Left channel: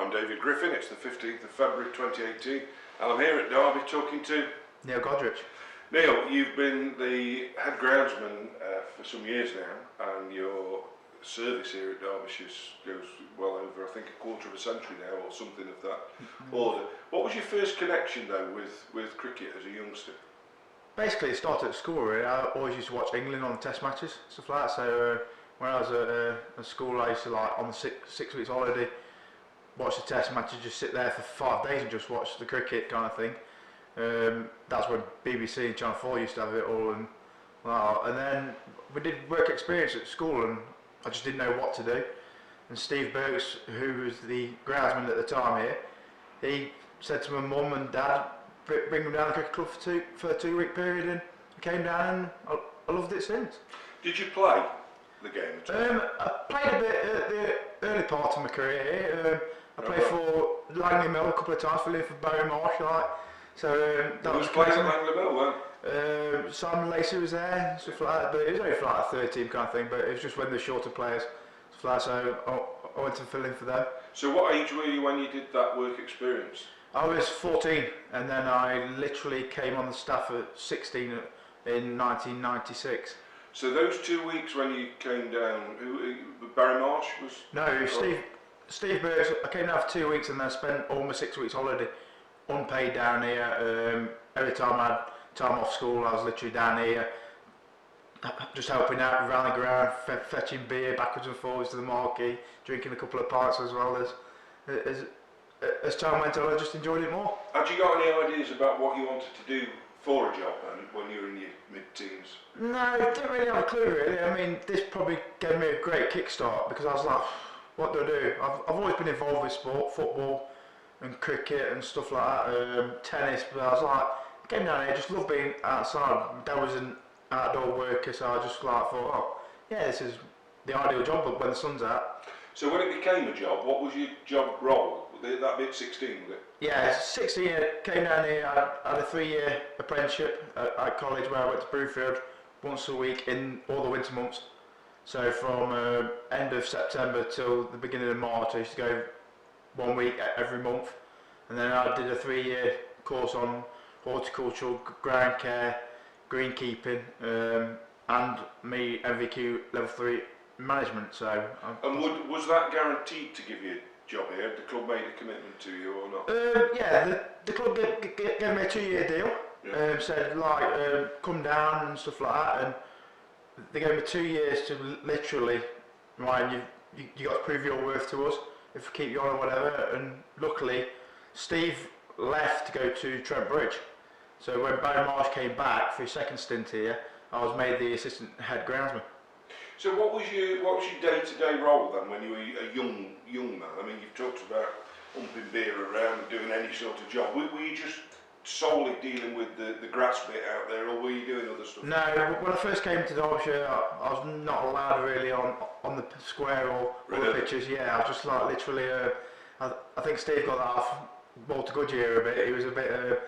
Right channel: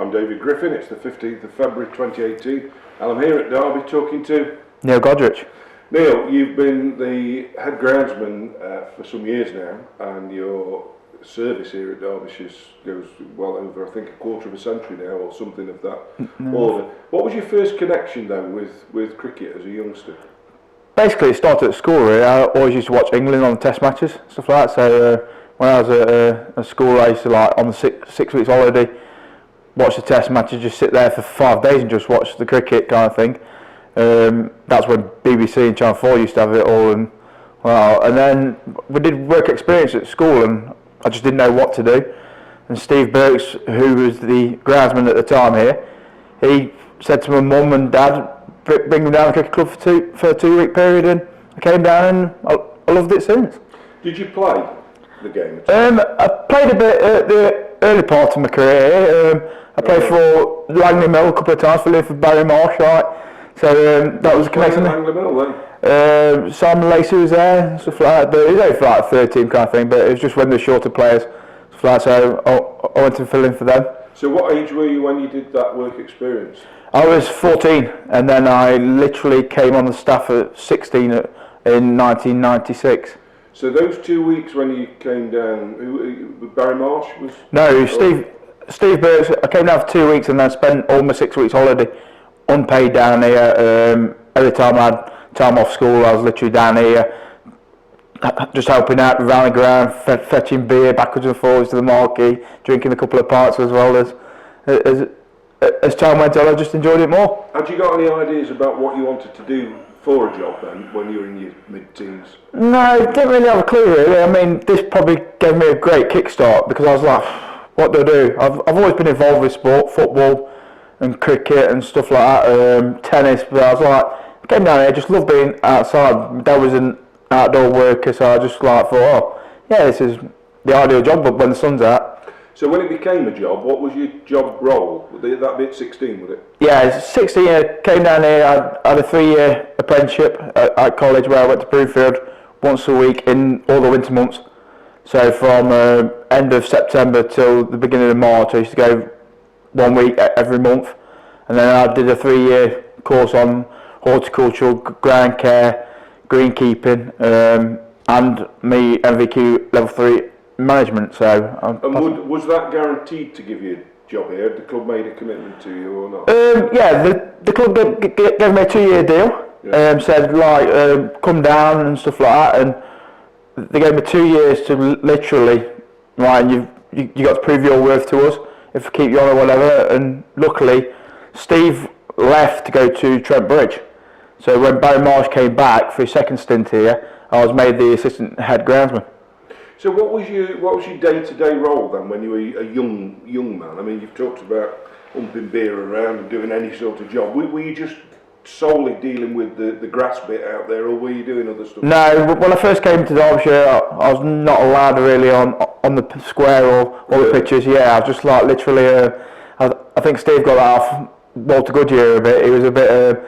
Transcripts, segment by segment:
I'm David Griffin. It's the 15th of February 2018 and I'm here at Derby talking to Neil Godrich. Neil, you've been the head groundsman for some years now, and your service here at Derbyshire goes well over, I think, a quarter of a century now, or something of that order. What was your first connection though with cricket as a youngster? Basically, it started at school really. I always used to watch England on the test matches, stuff like that. So when I was at school, I used to, like, on the six weeks holiday, watch the test matches, just sit there for 5 days and just watch the cricket kind of thing. That's when BBC and Channel 4 used to have it all, and then we did work experience at school, and I just didn't know what to do. And Steve Burks, who was the groundsman at the time here, he said to my mum and dad, bring me down to the cricket club for a 2-week period, and I came down and I loved it since. Did you play the game at all? I played a bit at the early part of my career. I played for Langley Mill a couple of times, for Barry Marsh, right? So that was a connection. Langley Mill then? Simon Lacey was there, stuff like that, but it was only for like 13 kind of thing, but it was just when the shorter players, stuff like that, so I went to fill in for them. So what age were you when you did that work experience? I was 14, and then I literally came on the staff at 16 in 1996. So those 2 weeks when you came down, Barry Marsh was? No, Steve Burks. I came down for 2 weeks and then spent all my 6 weeks holiday unpaid down here. Every time I had time off school, I was literally down here, just helping out around the ground, fetching beer backwards and forwards to the marquee, drinking a couple of pints as well. As time went on, I just enjoyed it more. Had you got any ideas about what you wanted to do for a job then, when you were in your mid-teens? No, I didn't really have a clue really. I mean, this probably gave me a great kickstart, because I was like, what do I do? I've always been involved with sport, football and cricket and stuff like that, tennis, but I was like, I came down here, just loved being outside. My dad was an outdoor worker, so I just like thought, oh, yeah, this is the ideal job, but when the sun's out. So when it became a job, what was your job role? Would that be at 16, would it? Yeah, 16, I came down here, I had a 3-year apprenticeship at college, where I went to Broomfield once a week in all the winter months. So from end of September till the beginning of March, I used to go 1 week every month. And then I did a 3-year course on horticultural, ground care, greenkeeping, and me MVQ level 3 management. So was that guaranteed to give you a job here? Had the club made a commitment to you or not? Yeah, the club gave me a 2-year deal. Yeah. Said like come down and stuff like that, and they gave me 2 years to literally, right, and you got to prove your worth to us if we keep you on or whatever. And luckily, Steve left to go to Trent Bridge. So when Barry Marsh came back for his second stint here, I was made the assistant head groundsman. So what was your day-to-day role then when you were a young man? I mean, you've talked about humping beer around and doing any sort of job. Were you just solely dealing with the grass bit out there, or were you doing other stuff? No, when I first came to Derbyshire, I was not allowed really on the square or the pitches. Yeah, I was just like literally. I think Steve got that off Walter Goodyear a bit. He was a bit.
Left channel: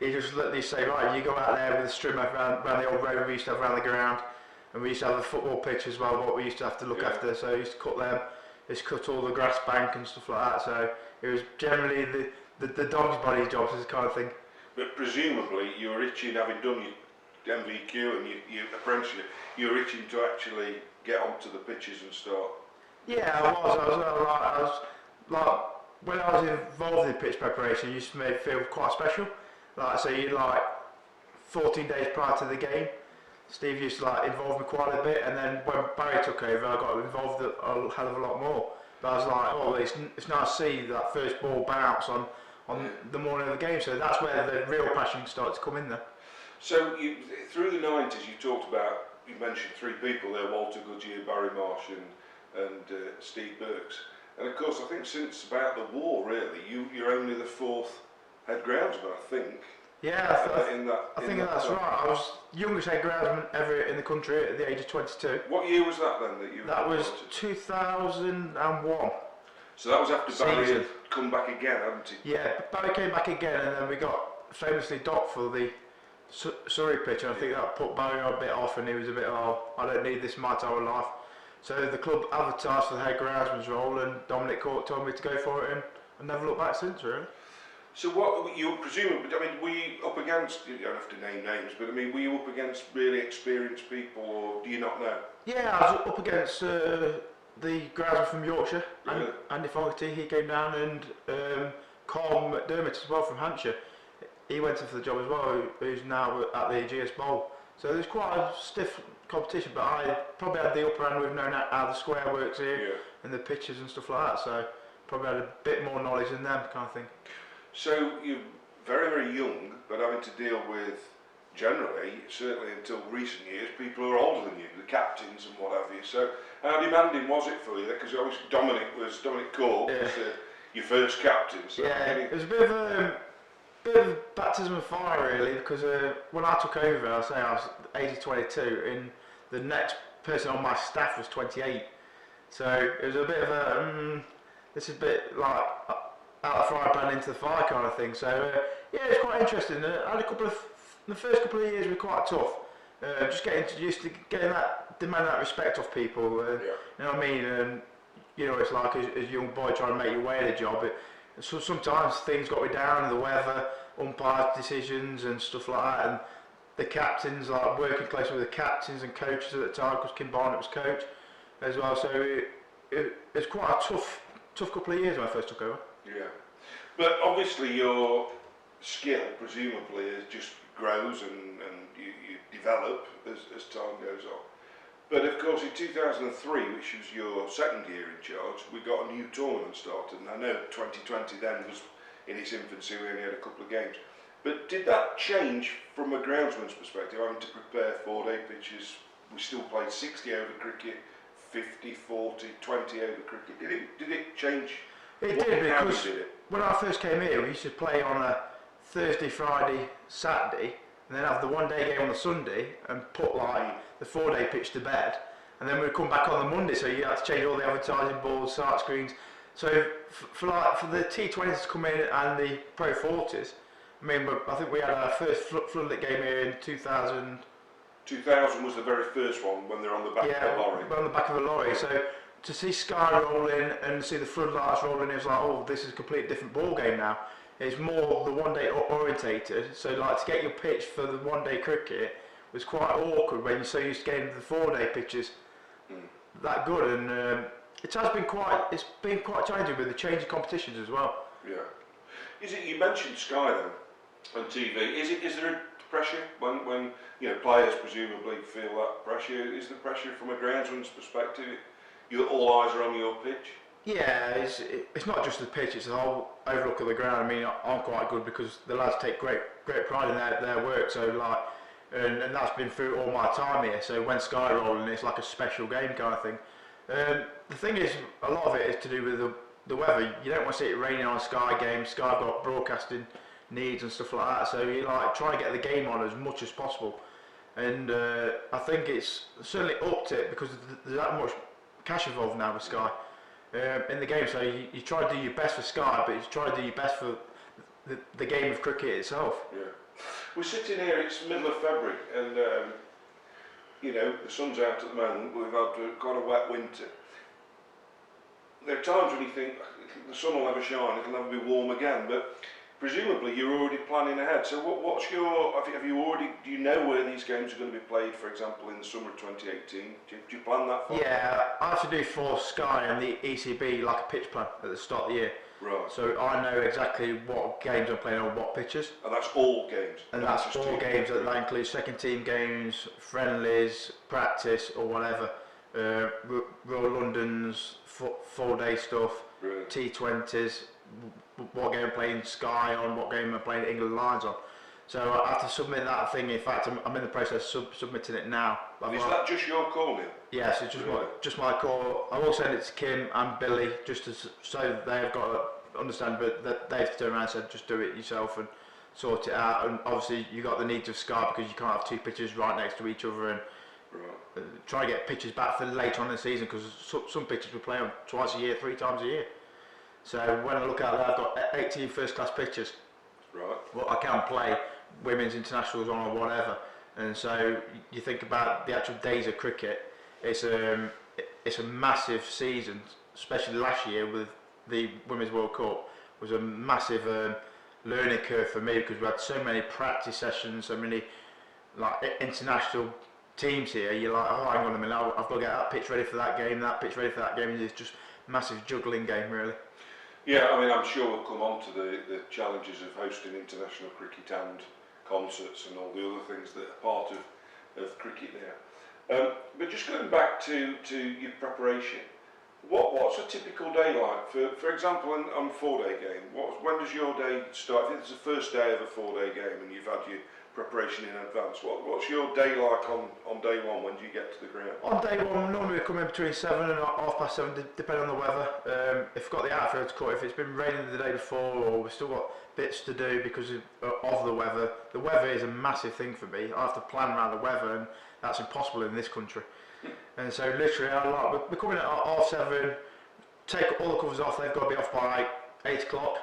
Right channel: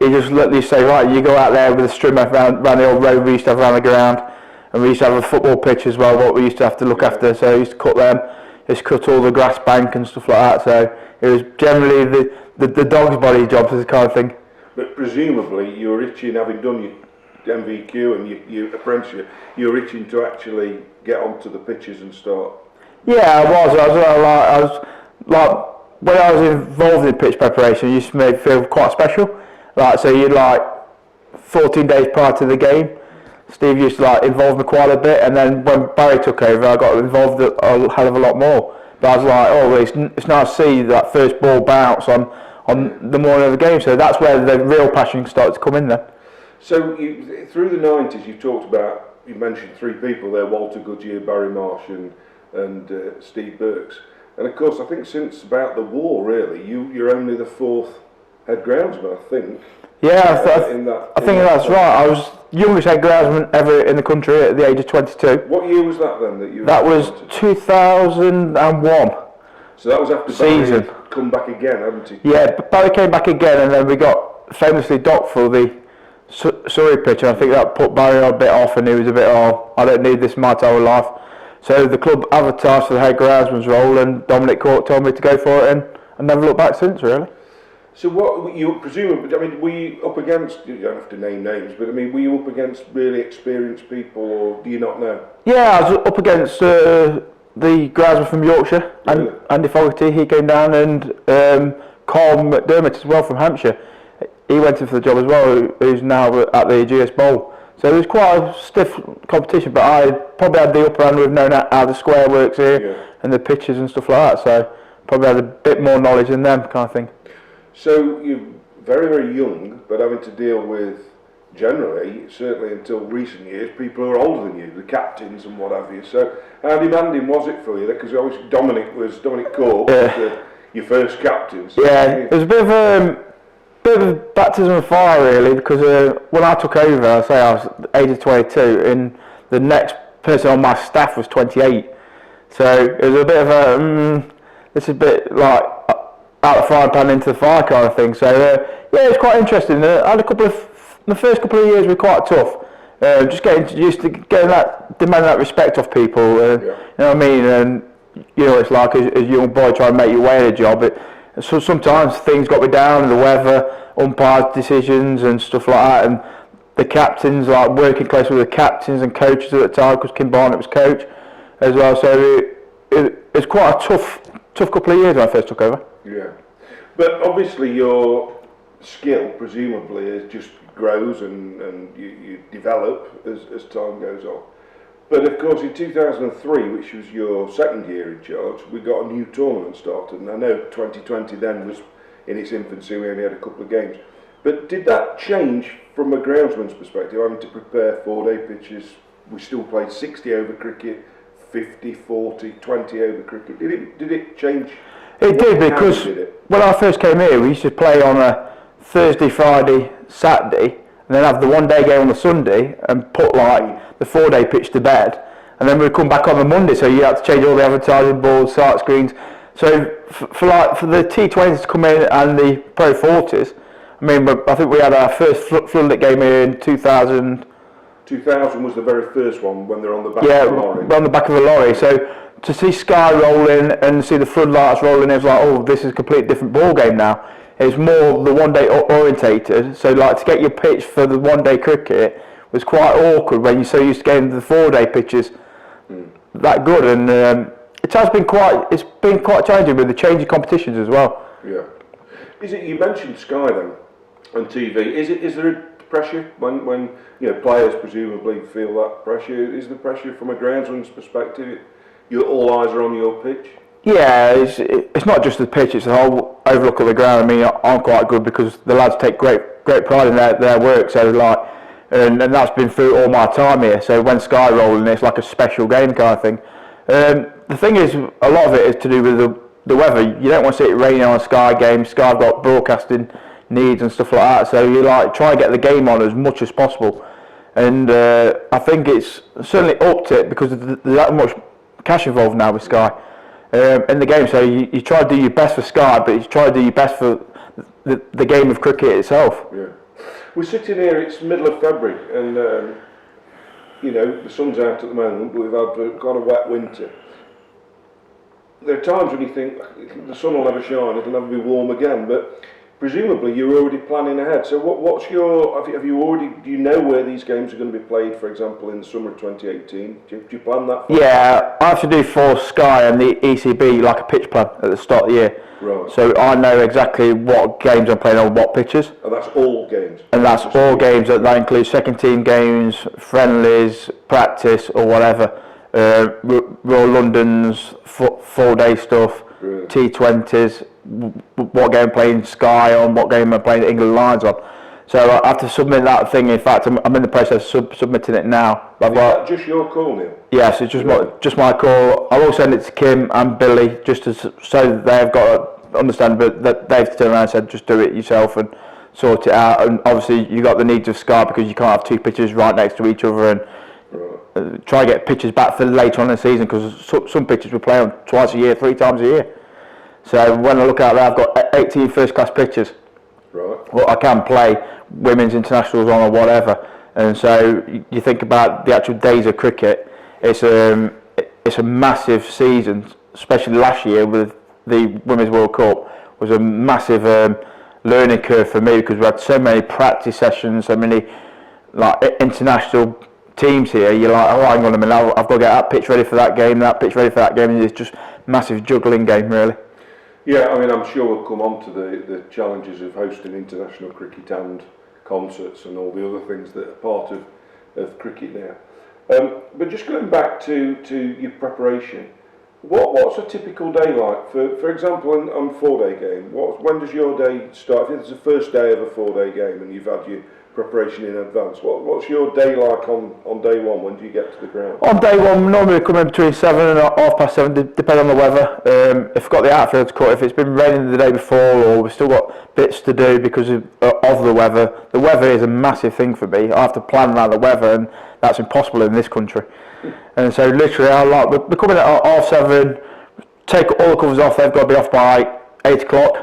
He just let me say, right, you go out there with a string around the old road we used to have around the ground, and we used to have a football pitch as well, what we used to have to look after. So I used to cut them, just cut all the grass bank and stuff like that. So it was generally the dog's body jobs, as kind of thing. But presumably you were itching, having done your MVQ and your apprenticeship, you were itching to actually get onto the pitches and start. Yeah, I was like when I was involved in pitch preparation, it used to make me feel quite special. Like, so you'd like 14 days prior to the game, Steve used to like involve me quite a bit, and then when Barry took over, I got involved a hell of a lot more. But I was like, oh, it's nice to see that first ball bounce on the morning of the game. So that's where the real passion started to come in there. So through the 90s, you mentioned 3 people there: Walter Goodyear, Barry Marsh, and Steve Burks. And of course, I think since about the war, really, you're only the 4th head groundsman, I think. Yeah, I think that's right. I was youngest head groundsman ever in the country at the age of 22. What year was that then? That was 2001. So that was after Barry had come back again, hadn't he? Yeah, Barry came back again, and then we got famously docked for the Surrey pitch, and I think that put Barry a bit off, and he was a bit, I don't need this in my entire life. So the club advertised for the head groundsman's role, and Dominic Cork told me to go for it, and never looked back since, really. So what you presumably? I mean, were you up against? You don't have to name names, but I mean, were you up against really experienced people, or do you not know? Yeah, I was up against the groundsman from Yorkshire, Really? Andy Fogarty. He came down, and Carl McDermott as well from Hampshire. He went in for the job as well, who's now at the GS Bowl. So it was quite a stiff competition, but I probably had the upper hand with knowing how the square works here and the pitches and stuff like that. So probably had a bit more knowledge than them, kind of thing. So you're very, very young, but having to deal with, generally, certainly until recent years, people who are older than you, the captains and what have you. So how demanding was it for you? Because obviously Dominic Cork was your first captain. So it was a bit of baptism of fire, really, because when I took over, I was the age of 22, and the next person on my staff was 28. So it was a bit of a, this is a bit like out of the frying pan into the fire kind of thing. So it was quite interesting. I had the first couple of years were quite tough. Just getting used to demanding that respect off people. You know what I mean? And you know, it's like as a young boy trying to make your way in a job. So sometimes things got me down, the weather, umpires' decisions and stuff like that, and the captains, like working closely with the captains and coaches at the time, because Kim Barnett was coach as well. So it was quite a tough couple of years when I first took over. Yeah, but obviously your skill presumably just grows and you develop as time goes on. But of course in 2003, which was your second year in charge, we got a new tournament started, and I know 2020 then was in its infancy, we only had a couple of games. But did that change from a groundsman's perspective, having to prepare 4-day pitches? We still played 60 over cricket, 50, 40, 20 over cricket. Did it change? It did, because when I first came here, we used to play on a Thursday, Friday, Saturday, and then have the 1-day game on the Sunday and put like the 4-day pitch to bed, and then we'd come back on the Monday, so you had to change all the advertising boards, sight screens. So for the T20s to come in and the Pro 40s, I mean, I think we had our first floodlit game here in 2000. 2000 was the very first one when they're on the back of the lorry. Yeah, on the back of the lorry. So to see Sky rolling and see the floodlights rolling, it was like, oh, this is a completely different ball game now. It's more the 1-day orientated. So like to get your pitch for the 1-day cricket was quite awkward when you're so used to getting the 4-day pitches that good, and it's been quite challenging with the changing competitions as well. Yeah. You mentioned Sky then on TV. Is there a pressure when players presumably feel that pressure? Is the pressure from a groundsman's perspective? All eyes are on your pitch. Yeah, it's not just the pitch; it's the whole overlook of the ground. I mean, I'm quite good because the lads take great pride in their work. So like, and that's been through all my time here. So when Sky rolling, it's like a special game kind of thing. The thing is, a lot of it is to do with the weather. You don't want to see it raining on a Sky game. Sky's got broadcasting needs and stuff like that. So you like try and get the game on as much as possible. And I think it's certainly upped it because there's that much cash involved now with Sky in the game. So you try to do your best for Sky, but you try to do your best for the game of cricket itself. Yeah. We're sitting here, it's middle of February, and the sun's out at the moment, but we've had quite a wet winter. There are times when you think the sun will never shine, it'll never be warm again, but presumably you're already planning ahead. So what's your, do you know where these games are going to be played, for example, in the summer of 2018? Do you plan that? Yeah, I have to do for Sky and the ECB like a pitch plan at the start of the year. Right. So I know exactly what games I'm playing on what pitches. And that's all games? And that's all games. That includes second team games, friendlies, practice or whatever. Royal London's 4-day stuff, really? T20s, what game I'm playing Sky on, what game I'm playing England Lions on. So I have to submit that thing. In fact, I'm in the process of submitting it now. Is that just your call, Neil? Yes, it's just my call. I will send it to Kim and Billy so they've got to understand, but that they've turned around and said just do it yourself and sort it out. And obviously you got the needs of Sky because you can't have two pitches right next to each other and try and get pitches back for later on in the season because some pitches we play on twice a year, 3 times a year. So when I look out there, I've got 18 first-class pitches. Right. Well, I can play women's internationals on or whatever. And so you think about the actual days of cricket. It's a massive season, especially last year with the Women's World Cup. was a massive learning curve for me, because we had so many practice sessions, so many like international teams here. You're like, oh, hang on a minute, I've got to get that pitch ready for that game, that pitch ready for that game, and it's just massive juggling game, really. Yeah, I mean, I'm sure we'll come on to the challenges of hosting international cricket and concerts and all the other things that are part of cricket now. But just going back to your preparation, what's a typical day like? For example, on 4-day game, when does your day start? If it's the first day of a 4-day game and you've had your preparation in advance, what's your day like on day one? When do you get to the ground? On day one, normally we come in between 7 and 7:30, depending on the weather. If we've got the outfield to cut, if it's been raining the day before, or we've still got bits to do because of the weather. The weather is a massive thing for me. I have to plan around the weather, and that's impossible in this country. And so literally, we come in at 7:30, take all the covers off. They've got to be off by 8 o'clock.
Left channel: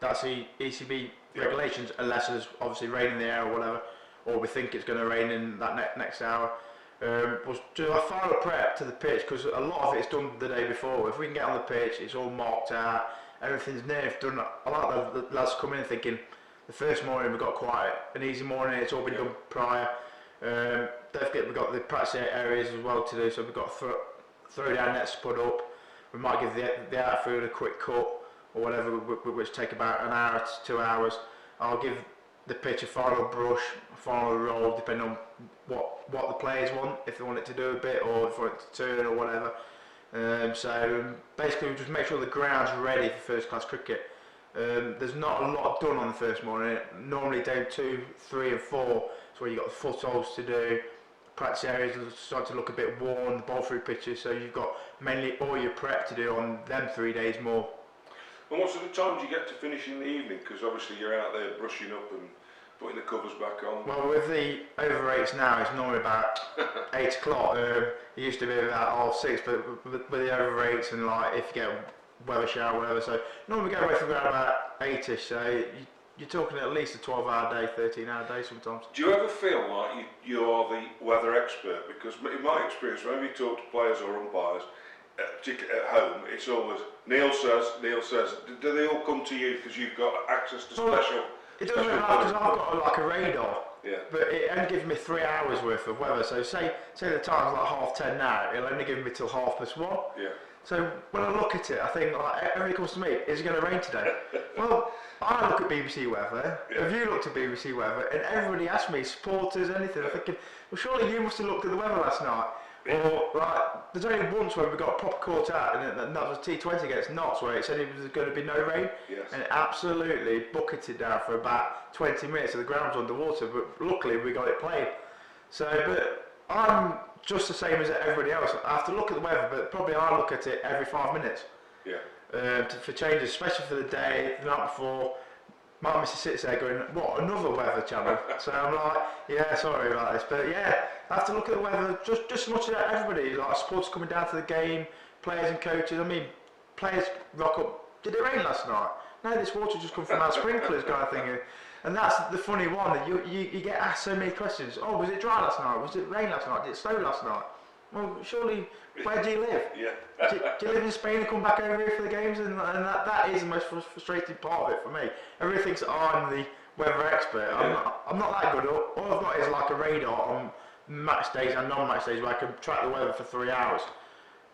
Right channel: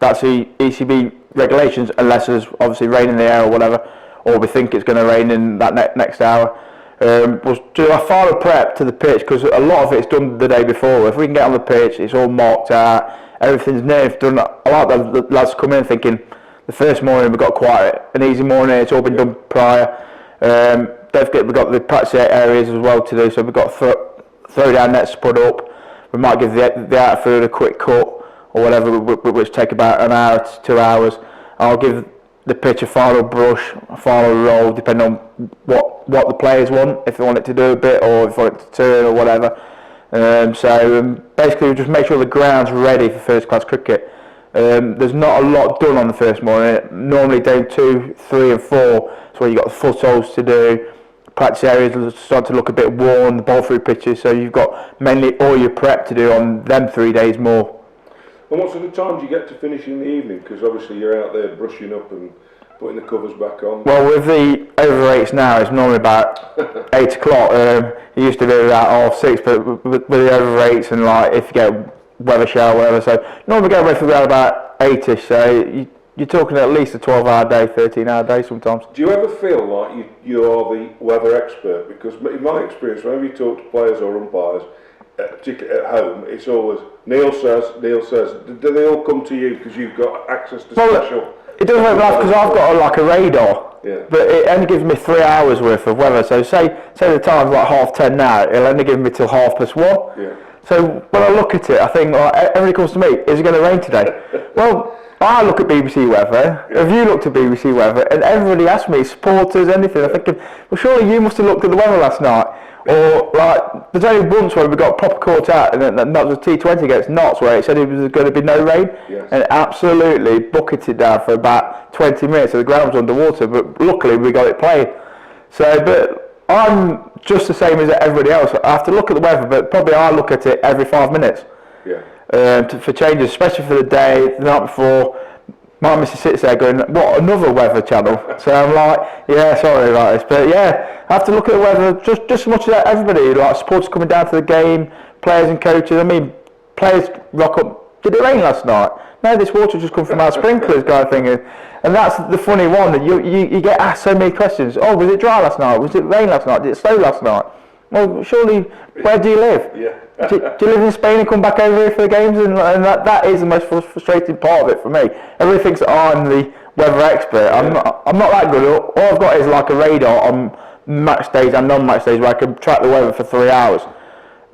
That's the ECB regulations, unless there's obviously rain in the air or whatever, or we think it's going to rain in that next hour. We'll do our final prep to the pitch, because a lot of it's done the day before. If we can get on the pitch, it's all marked out, everything's nerve done. I like the lads come in thinking the first morning we've got quite an easy morning, it's all been done prior. We've got the practice areas as well to do, so we've got throw down nets to put up. We might give the outfield a quick cut or whatever, which take about an hour to 2 hours. I'll give the pitch a final brush, a final roll, depending on what the players want, if they want it to do a bit or if they want it to turn or whatever. Basically we just make sure the ground's ready for first class cricket. There's not a lot done on the first morning. Normally day 2, 3 and 4 is where you've got the footholds to do. Practice areas start to look a bit worn, the ball through pitches, so you've got mainly all your prep to do on them 3 days more. And what sort of time do you get to finish in the evening? Because obviously you're out there brushing up and putting the covers back on. Well, with the over 8s now, it's normally about 8 o'clock. It used to be about 6:30, but with the over 8s and like if you get weather shower or whatever, so normally get ready for about 8ish. So you're talking at least a 12-hour day, 13-hour day sometimes. Do you ever feel like you are the weather expert? Because in my experience, whenever you talk to players or umpires, particularly at home, it's always Neil says. Do they all come to you because you've got access to special? It doesn't make me laugh because I've got a radar, but it only gives me 3 hours worth of weather. So say the time's like 10:30 now, it'll only give me till 1:30. Yeah. So when I look at it, I think everybody comes to me, is it going to rain today? Well, I look at BBC weather. Have you looked at BBC weather? And everybody asks me, supporters, anything. I'm thinking, well, surely you must have looked at the weather last night. Or like, there's only once where we got proper caught out, and that was a T20 against Notts, where it said it was going to be no rain, and it absolutely bucketed down for about 20 minutes. So the ground was underwater, but luckily we got it playing. So, but I'm just the same as everybody else. I have to look at the weather, but probably I look at it every 5 minutes. For changes, especially for the day, the night before. My missus sits there going, what, another weather channel? So I'm like, yeah, sorry about this. But yeah, I have to look at the weather just as much as everybody, like supporters coming down to the game, players and coaches. I mean, players rock up, did it rain last night? No, this water just come from our sprinklers kind of thing. And that's the funny one, that you get asked so many questions. Oh, was it dry last night? Was it rain last night? Did it snow last night? Well, surely, where do you live? Do you live in Spain and come back over here for the games? And that is the most frustrating part of it for me. Everybody thinks that I'm the weather expert. I'm not that good. All I've got is like a radar on match days and non-match days where I can track the weather for 3 hours.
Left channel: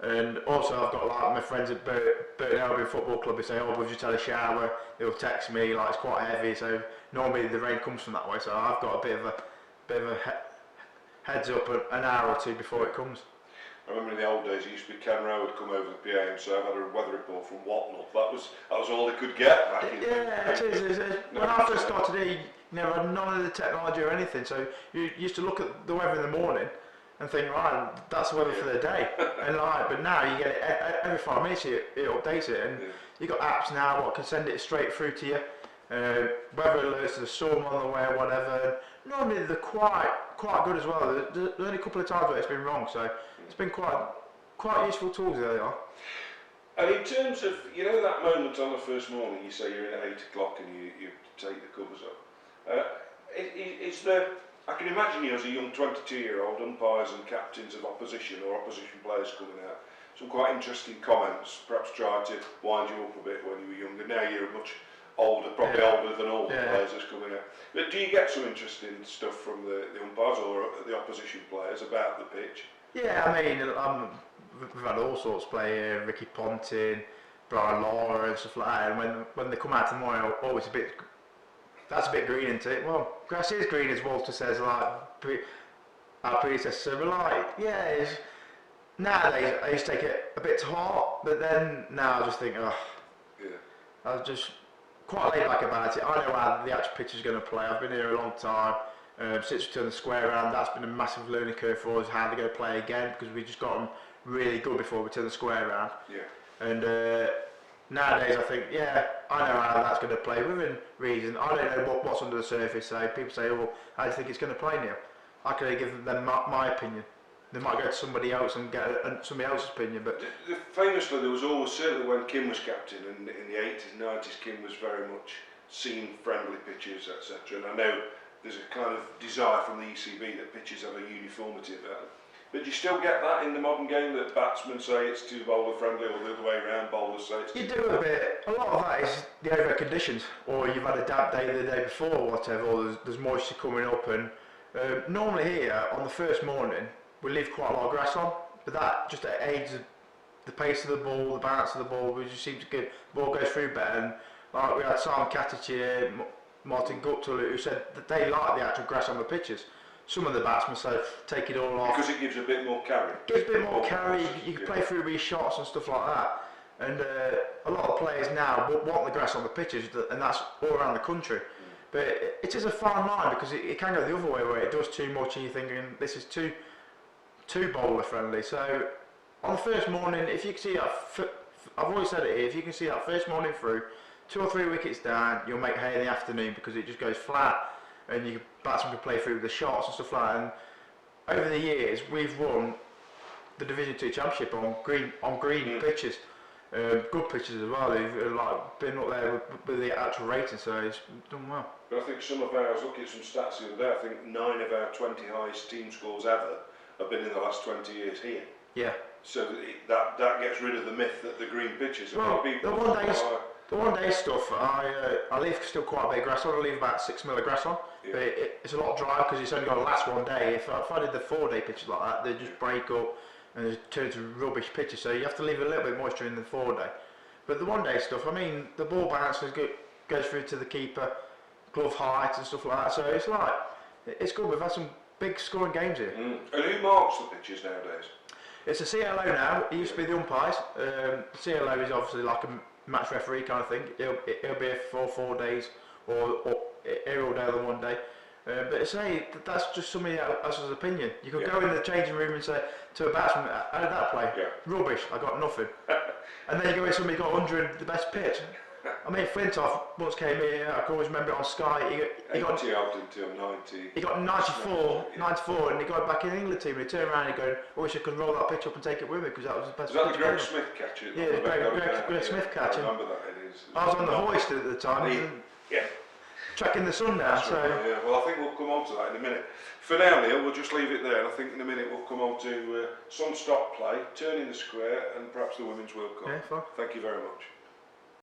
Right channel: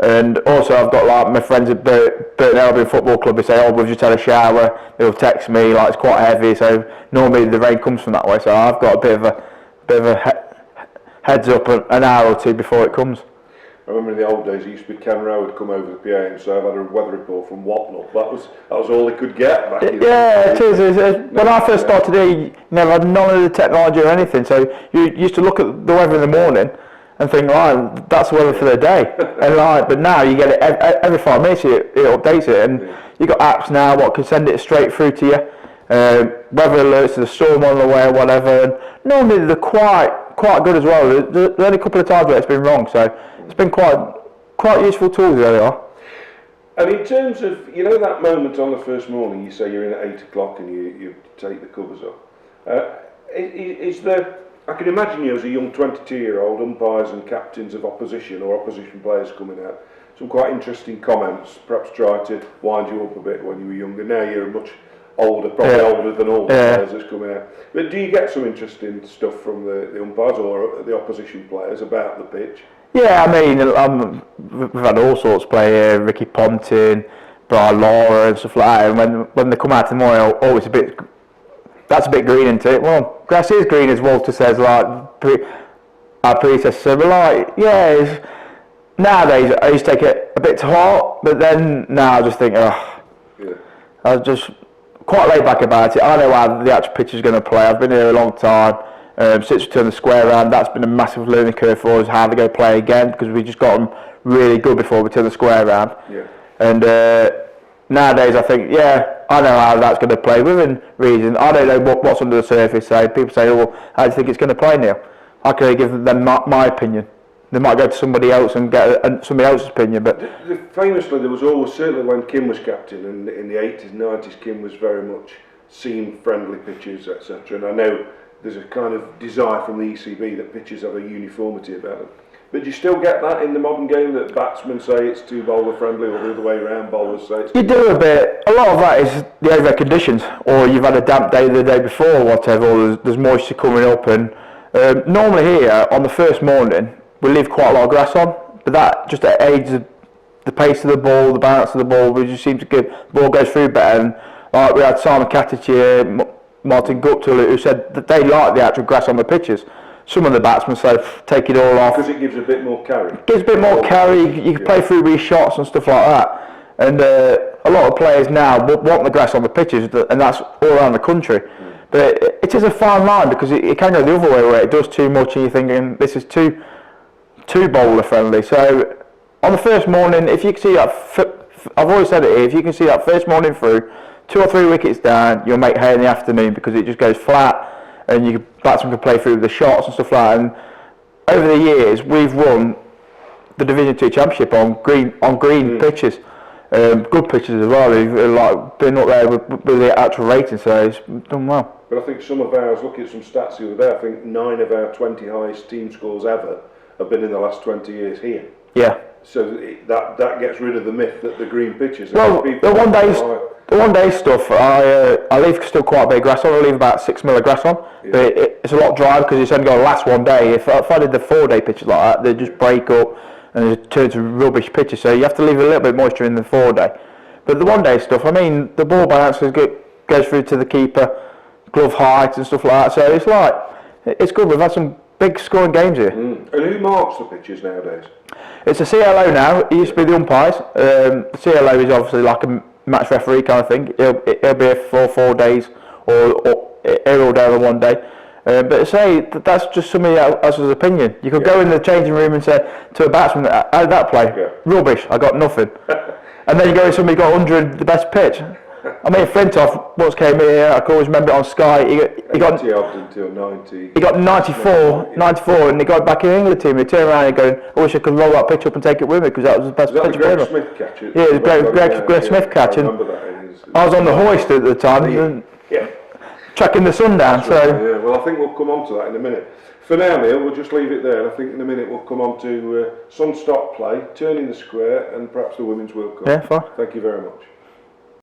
And also I've got like my friends at Burton Albion Football Club, they say, oh, we've just had a shower. They'll text me, like it's quite heavy, so normally the rain comes from that way. So I've got a bit of a heads up an hour or two before it comes. I remember in the old days, it used to be Ken Rowe would come over the PA and say, I've had a weather report from Whatnot. That was all they could get back in. Yeah, it is. When I first started here, you never had none of the technology or anything, so you used to look at the weather in the morning and think, right, that's the weather for the day. And but now you get it every 5 minutes, it updates it, and you've got apps now what can send it straight through to you. Weather alerts, there's a storm on the way or whatever, and normally they're quite good as well. There's only a couple of times where it's been wrong, so it's been quite useful tools, there they are. And in terms of, that moment on the first morning, you say you're in at 8 o'clock and you take the covers off. Is there, I can imagine you as a young 22-year-old, umpires and captains of opposition or opposition players coming out, some quite interesting comments, perhaps try to wind you up a bit when you were younger. Now you're much older, probably older than all the players that's coming out. But do you get some interesting stuff from the umpires or the opposition players about the pitch? Yeah, I mean, we've had all sorts play here, Ricky Ponting, Brian Laura and stuff like that, and when they come out tomorrow, it's that's a bit green, isn't it? Well, grass is green, as Walter says, like our predecessor, but like, yeah, nowadays I used to take it a bit to heart, but then now I just think, I was just quite laid back about it. I know how the actual pitch is going to play. I've been here a long time. Since we turned the square around, that's been a massive learning curve for us, how to go play again, because we just got them really good before we turned the square around. Yeah. And nowadays I think, I know how that's going to play within reason. I don't know what's under the surface. So people say, well, how do you think it's going to play, Neil? I can only give them my opinion. They might go to somebody else and get somebody else's opinion. But famously, there was always, certainly when Kim was captain, and in the 80s and 90s, Kim was very much seen friendly pitches, etc. And I know there's a kind of desire from the ECB that pitches have a uniformity about them. But do you still get that in the modern game, that batsmen say it's too bowler friendly, or the other way around, bowlers say it's... You do a bit. A lot of that is the over conditions, or you've had a damp day the day before or whatever, or there's moisture coming up. And normally here, on the first morning, we leave quite a lot of grass on, but that just aids the pace of the ball, the balance of the ball. We just seem to get the ball goes through better. And like we had Simon Katic here, Martin Guptill, who said that they like the actual grass on the pitches. Some of the batsmen say take it all off. Because it gives a bit more carry. It gives a bit more carry, you can play through these shots and stuff like that. And a lot of players now want the grass on the pitches, and that's all around the country. But it is a fine line, because it can go the other way where it does too much and you're thinking this is too bowler friendly. So on the first morning, if you can see that, I've always said it here, if you can see that first morning through, 2 or 3 wickets down, you'll make hay in the afternoon, because it just goes flat and batsmen can play through the shots and stuff like that. And over the years, we've won the Division 2 Championship on green pitches, good pitches as well. We've like been up there with the actual rating, so it's done well. But I think some of ours, looking at some stats the other day, I think 9 of our 20 highest team scores ever have been in the last 20 years here. Yeah. So that gets rid of the myth that the green pitches. Well, the one day stuff, I leave still quite a bit of grass on. I leave about 6 mil of grass on, but it's a lot drier because it's only going to last one day. If I did the 4-day pitches like that, they just break up and it turns to rubbish pitches. So you have to leave a little bit of moisture in the 4-day. But the 1-day stuff, I mean, the ball bounce goes through to the keeper, glove height and stuff like that. So it's like, it's good. We've had some big scoring games here. And who marks the pitches nowadays? It's a CLO now. It used to be the umpires. The CLO is obviously like a match referee kind of thing. He'll be here for 4 days or here all day on 1 day. But say that's just somebody else's opinion. You could go in the changing room and say to a batsman, "How did that play? Yeah. Rubbish. I got nothing." And then you go in, somebody got 100, the best pitch. I mean, Flintoff once came here. I can always remember it on Sky. He got until 90. He got 94, and he got back in the England team. He turned around and going, "I wish I could roll that pitch up and take it with me, because that was the best pitch ever." Was that the Greg Smith catch? Yeah, it was Greg Smith catch. I was on the hoist at the time, tracking the sun down. Right, so well, I think we'll come on to that in a minute. For now, Neil, we'll just leave it there, and I think in a minute we'll come on to some stop play, turning the square, and perhaps the Women's World Cup. Yeah, fine. Thank you very much.